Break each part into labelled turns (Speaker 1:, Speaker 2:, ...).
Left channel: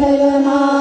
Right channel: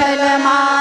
Speaker 1: kalma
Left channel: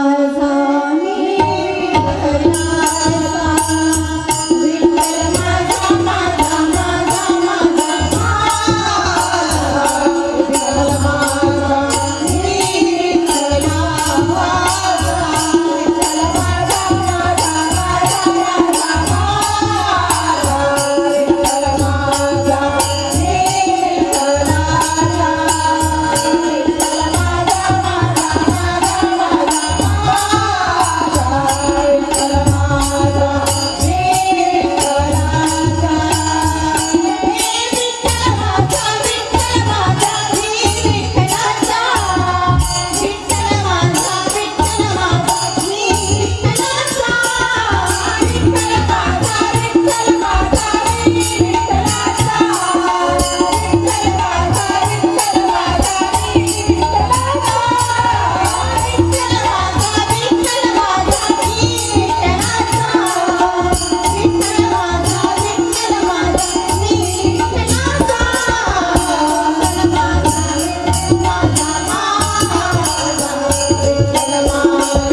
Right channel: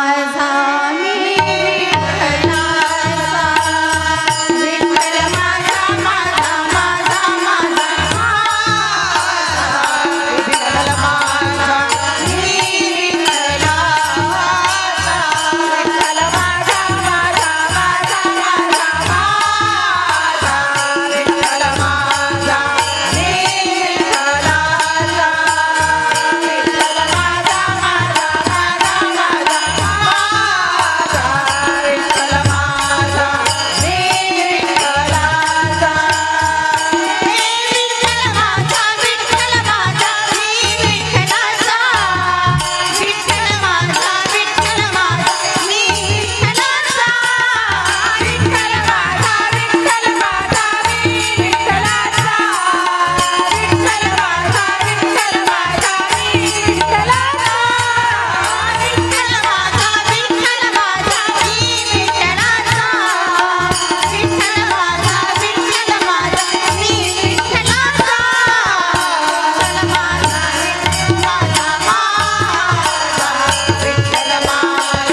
Speaker 1: না